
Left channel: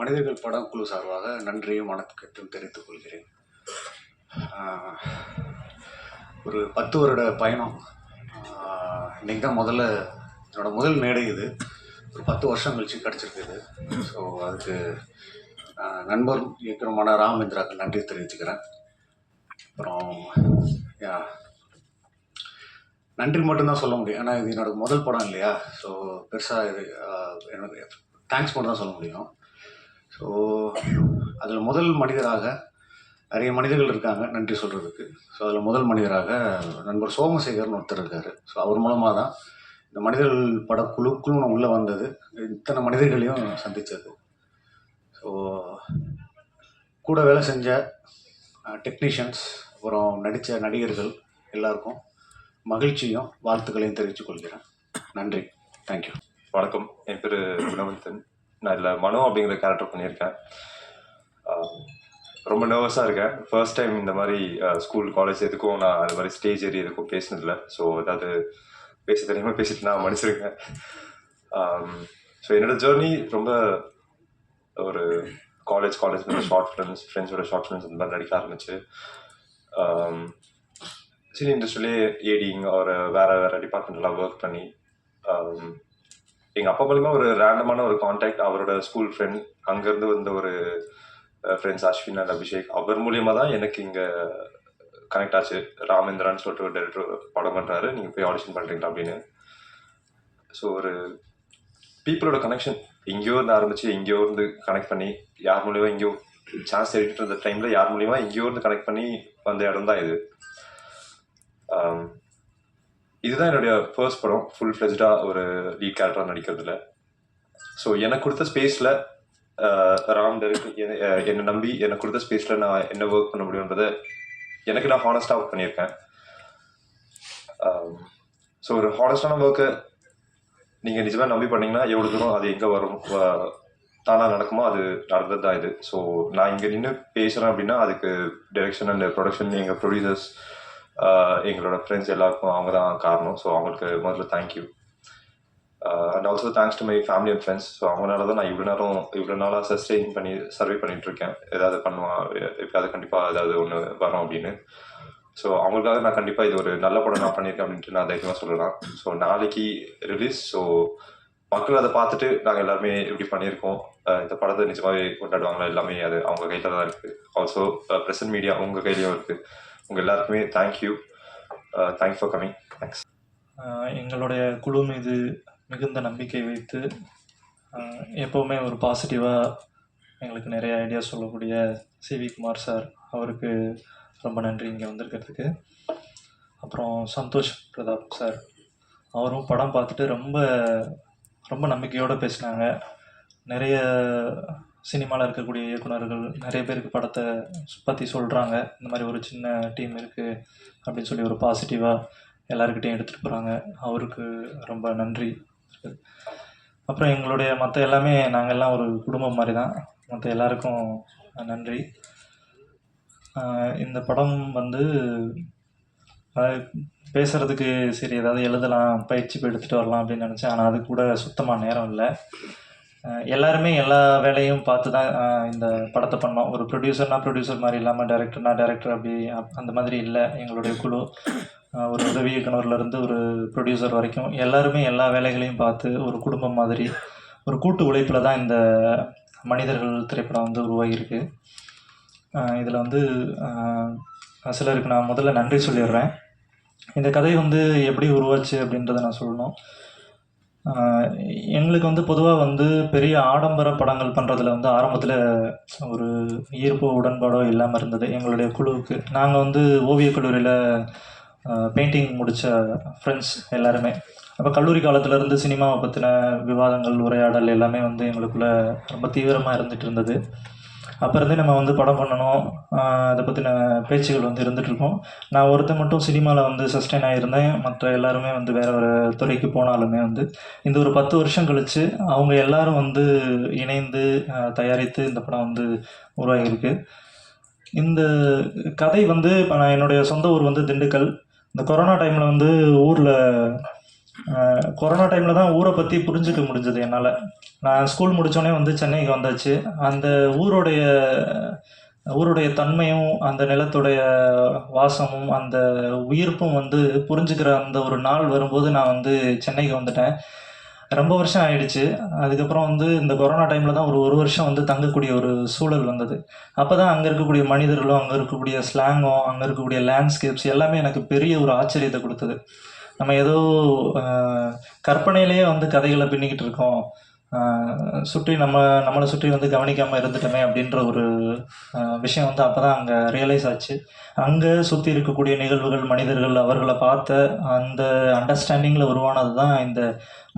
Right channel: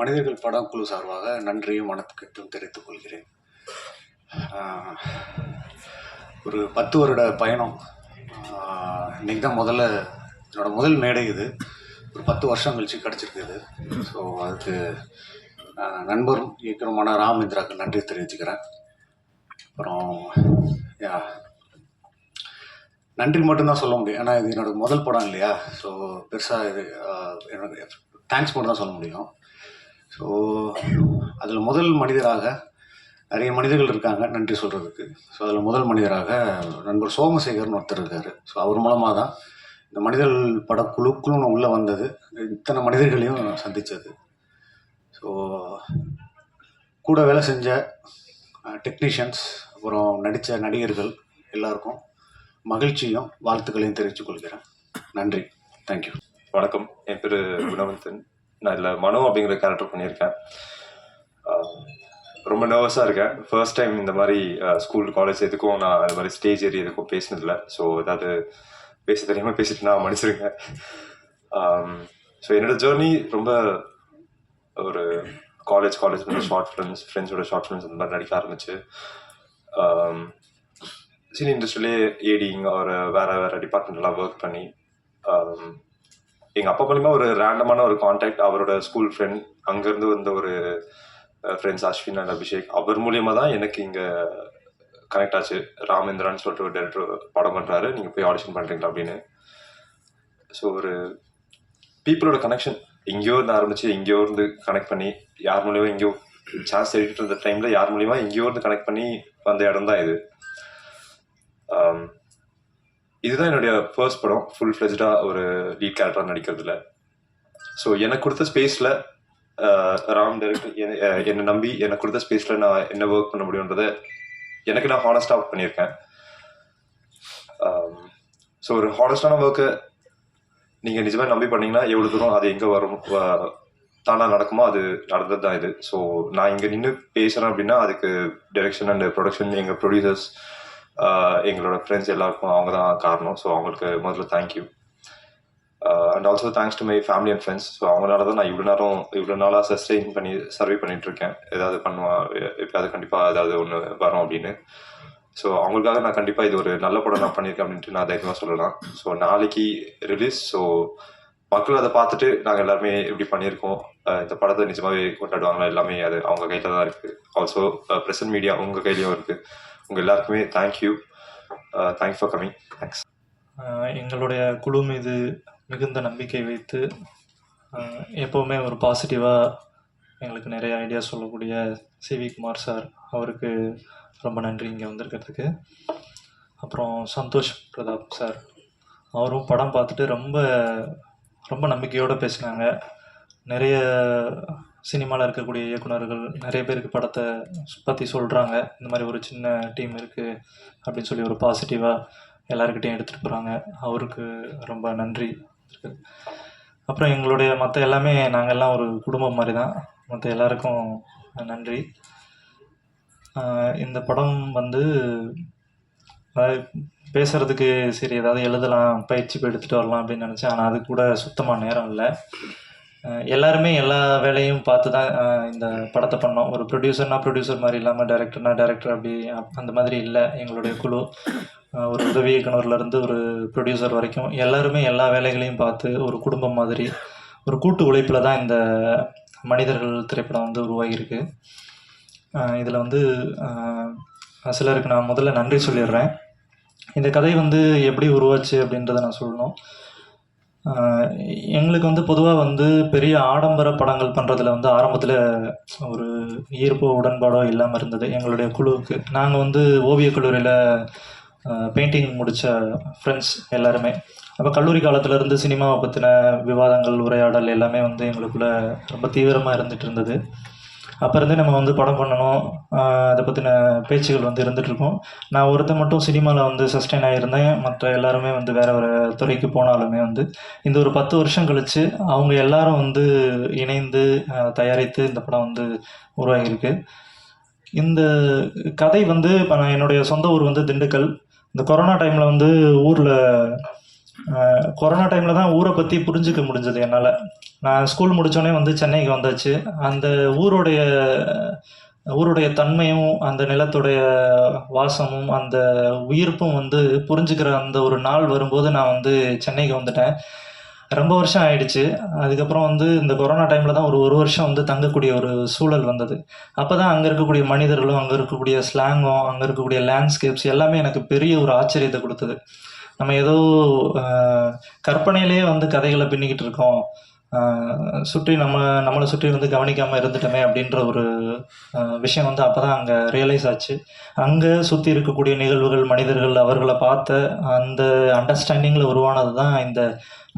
மனிதர்கள் படக்குழு சார்பாக நன்றியும் வணக்கத்தையும் தெரிவித்துக் கொள்கிறேன். ஒரு 10 வருட பயணம். இன்றைக்கி தான் என்னோட முதல் மேடை இது. ஒரு 10 வருஷம் கழிச்சு கிடச்சிருக்குது. ஸோ அதுக்கு நண்பரும் இயக்குனருமான ராமேந்திராவுக்கு நன்றி தெரிவிச்சுக்கிறேன். அப்புறம் நன்றி மட்டும்தான் சொல்ல முடியும், ஏன்னா இது என்னோடய முதல் படம் இல்லையா. ஸோ பெருசாக இது எனக்கு தேங்க்ஸ் மட்டும் தான் சொல்ல முடியும். ஸோ அதில் முதல் மனிதராக நிறைய மனிதர்கள் இருக்காங்க நன்றி சொல்கிறதுக்கு. ஸோ அதில் முதல் மனிதராக நண்பர் சோமசேகர்னு ஒருத்தர் இருக்கார். ஸோ அவர் மூலமாக தான் இந்த மனிதர்கள் படக்குழுக்குன்னு உள்ளே வந்தது, இத்தனை மனிதர்களையும் சந்தித்தது. ஸோ கூட வேலை செஞ்ச டெக்னீஷியன்ஸ், அப்புறம் நடித்த நடிகர்கள் எல்லாருக்கும் மகிழ்ச்சியும் வாழ்த்துக்களையும் தெரிவித்துக் கொள்கிறேன். நன்றி, தேங்க்யூ. வணக்கம், என் பேர் குணவந்தன். நான் இதில் மனோ அப்படிங்கிற கேரக்டர் பண்ணியிருக்கேன். ரொம்ப நர்வஸாக இருக்கேன். ஃபர்ஸ்ட் டைம் இந்த மாதிரி ஸ்கூல் காலேஜ் எதுக்கும் நான் அது மாதிரி ஸ்டேஜ் ஏறி எதுக்கும் பேசினதில்லை. ஸோ ஏதாவது பேச தெரியாமல் பேசிட்டு நான் மன்னிச்சிருக்கேன். ஸோ என்னோடய ஜேர்னி ரொம்ப ஒரு காலேஜ் ஷார்ட் ஃப்ரெண்ட்ஸோட ஷார்ட் ஃபிலிம்ஸ் இந்த மாதிரி நடிக்க ஆரம்பிச்சு சினி இண்டஸ்ட்ரியிலே ஏடிங் ஒரு வேறு டிபார்ட்மெண்ட்லாம் ஒர்க் பண்ணி எங்கள் அப்பா மூலிமா ஒரு ரேண்டமான ஒரு கான்டாக்ட், அவரோட ஸ்கூல் ஃப்ரெண்ட், அங்கேருந்து வந்த ஒரு ஃப்ரெண்ட்ஸ் அஸ்வின் அண்ட் அபிஷேக், அவர் மூலியமாக தான் எனக்கு இங்கே கனெக்ட் ஆச்சு. ராமேந்திரான்னு சொல்லிட்டு ஒரு டைரக்டர் படம் பண்ணுறாரு, நீங்கள் போய் ஆடிஷன் பண்ணுறீங்களா அப்படின்னு. ஸோ ஒரு பீப்புளோட கனெக்ஷன் எங்கேயோ இருந்து ஆரம்பித்து எங்கேயோ இருந்து கனெக்ட் பண்ணி யார் மூலியமாக எங்கேயோ சான்ஸ் தேடிட்டு இருந்த டைமில் யார் மூலியமாக எங்கேயோ இருந்து கனெக்ட் பண்ணி வந்த இடம் தான் இது. இதுதான் என்னுடைய ஃபர்ஸ்ட் படம் ஃபுல் ஃப்ளெஜ்டாக ஒரு லீட் கேரக்டராக நடிக்கிறதுல. ஸோ எனக்கு கொடுத்த ஸ்பேஸில் ராம் டேரக்டர் என்னை நம்பி எனக்கு கொடுத்த ஸ்பேஸில் நான் என்ன ஒர்க் பண்ண முடியுன்றதை எனக்கு நான் ஹானஸ்டாக ஒர்க் பண்ணியிருக்கேன். ஸோ ஒரு ஹானஸ்டான ஒர்க்கை நீங்கள் நிஜமாக நம்பி பண்ணீங்கன்னா எவ்வளோ தூரம் அது எங்கே வரும் தானாக நடக்குமோ அது நடந்தது தான் இது. ஸோ நான் இங்கே நின்று பேசுகிறேன் அப்படின்னா அதுக்கு டைரக்ஷன் அண்ட் ப்ரொடக்ஷன், எங்கள் ப்ரொடியூசர்ஸ், எங்களோட ஃப்ரெண்ட்ஸ் எல்லாருக்கும் அவங்க தான் காரணம். ஸோ அவங்களுக்கு முதல்ல thank you. And also thanks to my family and friends. So அவங்களால தான் நான் இவ்வளோ நாளாக சஸ்டெயின் பண்ணி சர்வே பண்ணிகிட்ருக்கேன். ஏதாவது பண்ணுவான், எப்போயாவது கண்டிப்பாக ஏதாவது ஒன்று வரும் அப்படின்னு. ஸோ அவங்களுக்காக நான் கண்டிப்பாக இது ஒரு நல்ல படம் நான் பண்ணியிருக்கேன் அப்படின்ட்டு நான் தைரியமாக சொல்லலாம். ஸோ நாளைக்கு ரிலீஸ். ஸோ மக்கள் அதை பார்த்துட்டு நாங்கள் எல்லாருமே எப்படி பண்ணியிருக்கோம், இந்த படத்தை நிஜமாகவே கொண்டாடுவாங்களா, எல்லாமே அது அவங்க கையில் தான் இருக்குது. ஆல்சோ ப்ரெசன்ட் மீடியா உங்கள் கையிலையும் இருக்குது. உங்கள் எல்லாருக்குமே தேங்க்யூ ஃபார் கமிங். தேங்க்ஸ். எங்களுடைய குழு மீது மிகுந்த நம்பிக்கை வைத்து எப்போவுமே ஒரு பாசிட்டிவாக எங்களுக்கு நிறைய ஐடியா சொல்லக்கூடிய சிவி குமார் சார், அவருக்கு ரொம்ப நன்றி இங்கே வந்திருக்கிறதுக்கு. அப்புறம் சந்தோஷ் பிரதாப் சார், அவரும் படம் பார்த்துட்டு ரொம்ப ரொம்ப நம்பிக்கையோடு பேசினாங்க. நிறைய சினிமாவில் இருக்கக்கூடிய இயக்குனர்கள் நிறைய பேருக்கு படத்தை பற்றி சொல்கிறாங்க, இந்த மாதிரி ஒரு சின்ன டீம் இருக்குது அப்படின்னு சொல்லி ஒரு பாசிட்டிவாக எல்லாருக்கிட்டையும் எடுத்துகிட்டு போகிறாங்க. அவருக்கு ரொம்ப நன்றி. அப்புறம் எங்களுடைய மற்ற எல்லாமே நாங்கள் எல்லாம் ஒரு குடும்பம் மாதிரி தான். மற்ற எல்லாருக்கும் நன்றி. இந்த படம் வந்து பேசுகிறதுக்கு சரி ஏதாவது எழுதலாம், பயிற்சி எடுத்துகிட்டு வரலாம் அப்படின்னு நினச்சேன். ஆனால் அது கூட சுத்தமாக நேரம் இல்லை. எல்லாருமே எல்லா வேலையும் பார்த்து தான் இந்த படத்தை பண்ணோம். ஒரு ப்ரொடியூசர் மாதிரி இல்லாமல் டைரக்டர் அப்படி அந்த மாதிரி இல்லை. எங்களுடைய குழு ஒரு உதவி இயக்குனர்லேருந்து ஒரு ப்ரொடியூசர் வரைக்கும் எல்லாருமே எல்லா வேலைகளையும் பார்த்து ஒரு குடும்பம் மாதிரி ஒரு கூட்டு உழைப்பில் தான் இந்த மனிதர்கள் திரைப்படம் வந்து உருவாகியிருக்கு. இதில் வந்து சிலருக்கு நான் முதல்ல நன்றி சொல்லிடுறேன். இந்த கதை வந்து எப்படி உருவாச்சு அப்படின்றத நான் சொல்லணும். எங்களுக்கு வந்து பொதுவாக வந்து பெரிய ஆடம்பர படங்கள் பண்ணுறதுல வந்து ஆரம்பத்தில் ஒரு ஈர்ப்போ உடன்பாடோ இல்லாமல் இருந்தது எங்களுடைய குழுவுக்கு. நாங்கள் வந்து ஓவியக் கல்லூரியில் பெயிண்டிங் முடித்த ஃப்ரெண்ட்ஸ் எல்லாருமே. அப்போ கல்லூரி காலத்துலேருந்து சினிமாவை பற்றின விவாதங்கள், உரையாடல் எல்லாமே வந்து எங்களுக்குள்ளே ரொம்ப தீவிரமாக இருந்துகிட்டு இருந்தது. அப்போ இருந்தே நம்ம வந்து படம் பண்ணணும், அதை பற்றின பேச்சுகள் வந்து இருந்துகிட்ருக்கோம். நான் ஒருத்தர் மட்டும் சினிமாவில் வந்து சஸ்டெயின் ஆகியிருந்தேன். மற்ற எல்லாருமே வந்து வேறு ஒரு துறைக்கு போனாலுமே வந்து இந்த ஒரு 10 வருஷம் கழித்து அவங்க எல்லாரும் வந்து இணைந்து தயாரித்து இந்த படம் வந்து உருவாகியிருக்கு. இந்த கதை வந்து இப்போ நான் என்னுடைய சொந்த ஊர் வந்து திண்டுக்கல். இந்த கொரோனா டைமில் வந்து கொரோனா டைமில் தான் ஊரை பற்றி புரிஞ்சிக்க முடிஞ்சது என்னால். நான் ஸ்கூல் முடித்தோடனே வந்து சென்னைக்கு வந்தாச்சு. அந்த ஊருடைய தன்மையும் அந்த நிலத்துடைய வாசமும் அந்த உயிர்ப்பும் வந்து புரிஞ்சுக்கிற அந்த ஒரு நாள் வரும்போது நான் வந்து சென்னைக்கு வந்துட்டேன். ரொம்ப வருஷம் ஆயிடுச்சு. அதுக்கப்புறம் வந்து இந்த கொரோனா டைமில் தான் ஒரு வருஷம் வந்து தங்கக்கூடிய ஒரு சூழல் வந்தது. அப்போ தான் அங்கே இருக்கக்கூடிய மனிதர்களும், அங்கே இருக்கக்கூடிய ஸ்லாங்கும், அங்கே இருக்கக்கூடிய லேண்ட்ஸ்கேப்ஸ் எல்லாமே எனக்கு பெரிய ஒரு ஆச்சரியத்தை கொடுத்தது. நம்ம ஏதோ கற்பனையிலேயே வந்து கதைகளை பின்னிக்கிட்டு இருக்கோம், சுற்றி நம்மளை சுற்றி வந்து கவனிக்காமல் இருந்துட்டோமே அப்படின்ற ஒரு விஷயம் வந்து அப்போ தான் அங்கே ரியலைஸ் ஆச்சு. அங்கே சுற்றி இருக்கக்கூடிய நிகழ்வுகள், மனிதர்கள், அவர்களை பார்த்த அந்த அண்டர்ஸ்டாண்டிங்கில் உருவானது தான் இந்த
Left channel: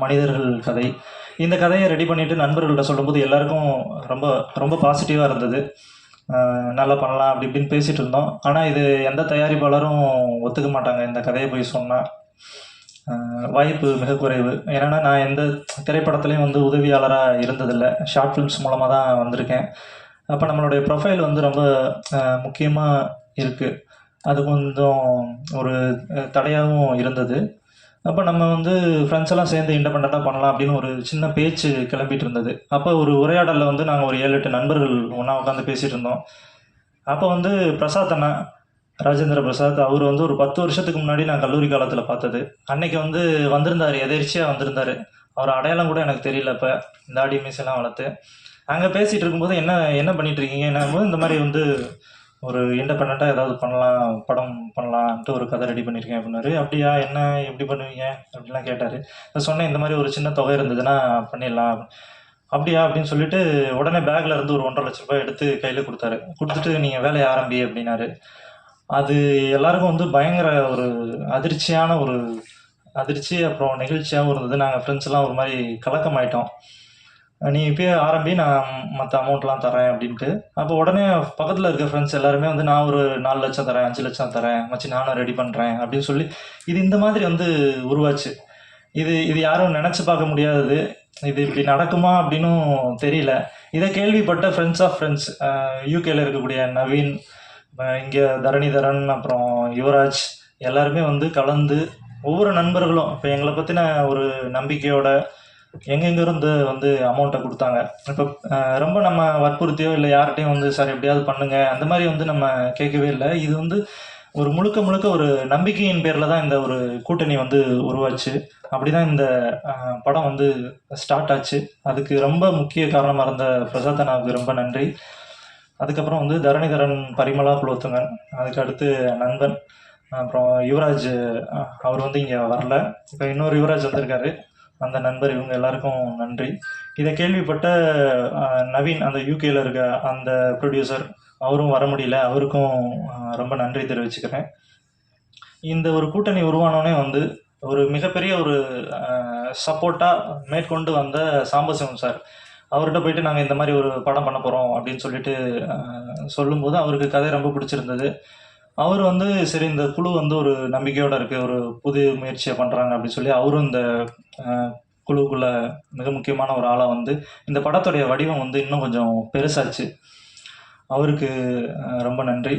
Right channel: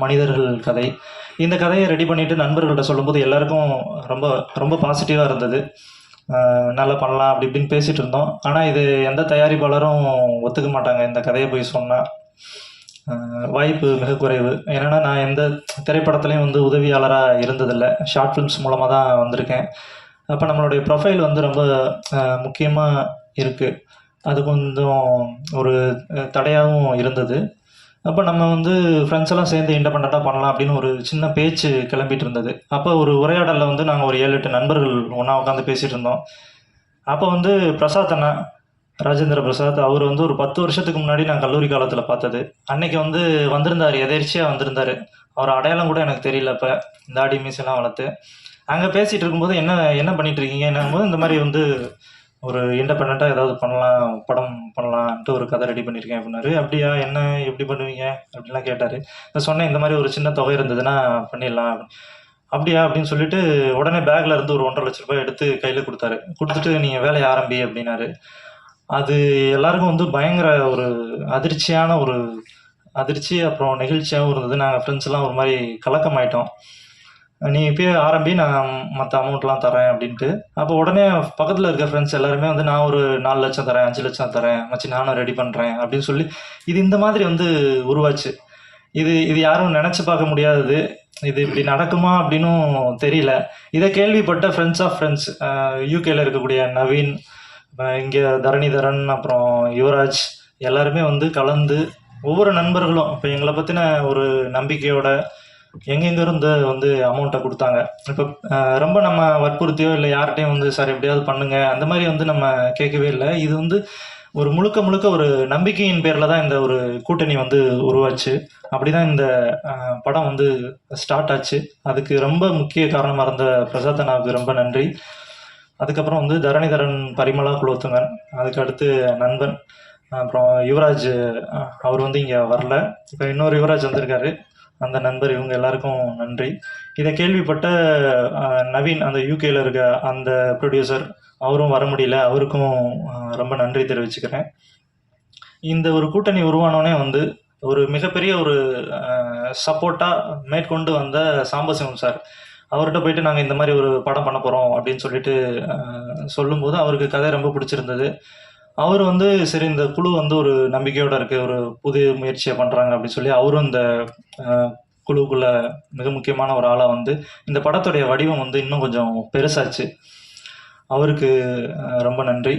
மனிதர்கள் கதை. இந்த கதையை ரெடி பண்ணிவிட்டு நண்பர்கள்ட்ட சொல்லும்போது எல்லாருக்கும் ரொம்ப ரொம்ப பாசிட்டிவாக இருந்தது. நல்லா பண்ணலாம் அப்படி இப்படின்னு பேசிகிட்டு இருந்தோம். ஆனால் இது எந்த தயாரிப்பாளரும் ஒத்துக்க மாட்டாங்க இந்த கதையை போய் சொன்னால். வாய்ப்பு மிக குறைவு. ஏன்னா நான் எந்த திரைப்படத்துலேயும் வந்து உதவியாளராக இருந்ததில்லை, ஷார்ட் ஃபிலிம்ஸ் மூலமாக தான் வந்திருக்கேன். அப்போ நம்மளுடைய ப்ரொஃபைல் வந்து ரொம்ப முக்கியமாக இருக்குது. அது கொஞ்சம் ஒரு தடையாகவும் இருந்தது. அப்போ நம்ம வந்து ஃப்ரெண்ட்ஸ் எல்லாம் சேர்ந்து இண்டிபெண்ட்டாக பண்ணலாம் அப்படின்னு ஒரு சின்ன பேச்சு கிளம்பிட்டு இருந்தது. அப்போ ஒரு உரையாடலில் வந்து நாங்கள் ஒரு 7-8 நண்பர்கள் ஒன்றா உட்காந்து பேசிகிட்டு இருந்தோம். அப்போ வந்து பிரசாத் அண்ணா, ராஜேந்திர பிரசாத், அவர் வந்து ஒரு 10 வருஷத்துக்கு முன்னாடி நான் கல்லூரி காலத்தில் பார்த்தது. அன்னைக்கு வந்து வந்திருந்தார், எதேர்ச்சியாக வந்திருந்தார். அவர் அடையாளம் கூட எனக்கு தெரியல. இப்போ தாடி மீசெல்லாம் வளர்த்து அங்கே பேசிகிட்டு இருக்கும்போது என்ன பண்ணிகிட்டு இருக்கீங்க போது இந்த மாதிரி வந்து ஒரு இண்டிபெண்ட்டாக ஏதாவது படம் பண்ணலான்ட்டு ஒரு கதை ரெடி பண்ணியிருக்கேன் அப்படின்னாரு. அப்படியா, என்ன எப்படி பண்ணுவீங்க அப்படின்லாம் கேட்டார். நான் சொன்னேன், இந்த மாதிரி ஒரு சின்ன தொகை இருந்ததுன்னா பண்ணிடலாம். அப்படியா அப்படின்னு சொல்லிட்டு உடனே பேக்கில் இருந்து ஒரு 1.5 லட்ச ரூபாய் எடுத்து கையில் கொடுத்துட்டு நீங்கள் வேலையை ஆரம்பி அப்படின்னாரு. அது எல்லாருக்கும் வந்து பயங்கர ஒரு அதிர்ச்சி, அப்புறம் நெகிழ்ச்சியாகவும் இருந்தது. நாங்கள் ஃப்ரெண்ட்ஸ் எல்லாம் ஒரு மாதிரி கலக்கமாயிட்டோம். நீ இப்பயே ஆரம்பி, நான் மற்ற அமௌண்ட்லாம் தரேன் அப்படின்ட்டு. அப்போ உடனே பக்கத்தில் இருக்க ஃப்ரெண்ட்ஸ் எல்லாருமே வந்து நான் ஒரு 4 லட்சம் தரேன், 5 லட்சம் தரேன் மச்சி, நானும் ரெடி பண்ணுறேன் அப்படின்னு சொல்லி இது இந்த மாதிரி வந்து உருவாச்சு. இது இது யாரும் நினச்சி பார்க்க முடியாதது. இது இப்படி நடக்குமா அப்படின்னும் தெரியல. இதை கேள்விப்பட்ட ஃப்ரெண்ட்ஸ் ஆஃப் ஃப்ரெண்ட்ஸ், யூகேல இருக்கக்கூடிய நவீன், இங்கே தரணிதரன், அப்புறம் யுவராஜ், எல்லாருமே வந்து கலந்து ஒவ்வொரு நண்பர்களும் இப்போ எங்களை பற்றின ஒரு நம்பிக்கையோட எங்கெங்கிருந்து வந்து அமௌண்ட்டை கொடுத்தாங்க. இப்போ ரொம்ப நம்ம வற்புறுத்தியோ இல்லை யார்கிட்டையும் வந்து சார் எப்படியாவது பண்ணுங்க அந்த மாதிரி வந்து நம்ம கேட்கவே இல்லை. இது வந்து ஒரு முழுக்க முழுக்க ஒரு நம்பிக்கையின் பேரில் தான் இந்த ஒரு கூட்டணி வந்து உருவாச்சு. அப்படி தான் இந்த படம் வந்து ஸ்டார்ட் ஆச்சு. அதுக்கு ரொம்ப முக்கிய காரணமாக இருந்த பிரசாத் அண்ணாவுக்கு ரொம்ப நன்றி. அதுக்கப்புறம் வந்து தரணிதரன், பரிமளா குலோத்துங்கன், அதுக்கு அடுத்து நண்பன், அப்புறம் யுவராஜ், அவர் வந்து இங்கே வரல. இப்போ இன்னொரு யுவராஜ் வந்திருக்காரு, அந்த நண்பர். இவங்க எல்லாருக்கும் நன்றி. இதை கேள்விப்பட்ட நவீன், அந்த யூகேல இருக்க அந்த ப்ரொடியூசர், அவரும் வர முடியல. அவருக்கும் ரொம்ப நன்றி தெரிவிச்சுக்கிறேன். இந்த ஒரு கூட்டணி உருவானோடனே வந்து ஒரு மிகப்பெரிய ஒரு சப்போர்ட்டாக மேற்கொண்டு வந்த சாம்பசிவம் சார், அவர்கிட்ட போயிட்டு நாங்கள் இந்த மாதிரி ஒரு படம் பண்ண போகிறோம் அப்படின்னு சொல்லிட்டு சொல்லும்போது அவருக்கு கதை ரொம்ப பிடிச்சிருந்தது. அவர் வந்து சரி இந்த குழு வந்து ஒரு நம்பிக்கையோடு இருக்குது, ஒரு புதிய முயற்சியை பண்ணுறாங்க அப்படின்னு சொல்லி அவரும் இந்த குழுவுக்குள்ளே மிக முக்கியமான ஒரு ஆளாக வந்து இந்த படத்துடைய வடிவம் வந்து இன்னும் கொஞ்சம் பெருசாச்சு. அவருக்கு ரொம்ப நன்றி.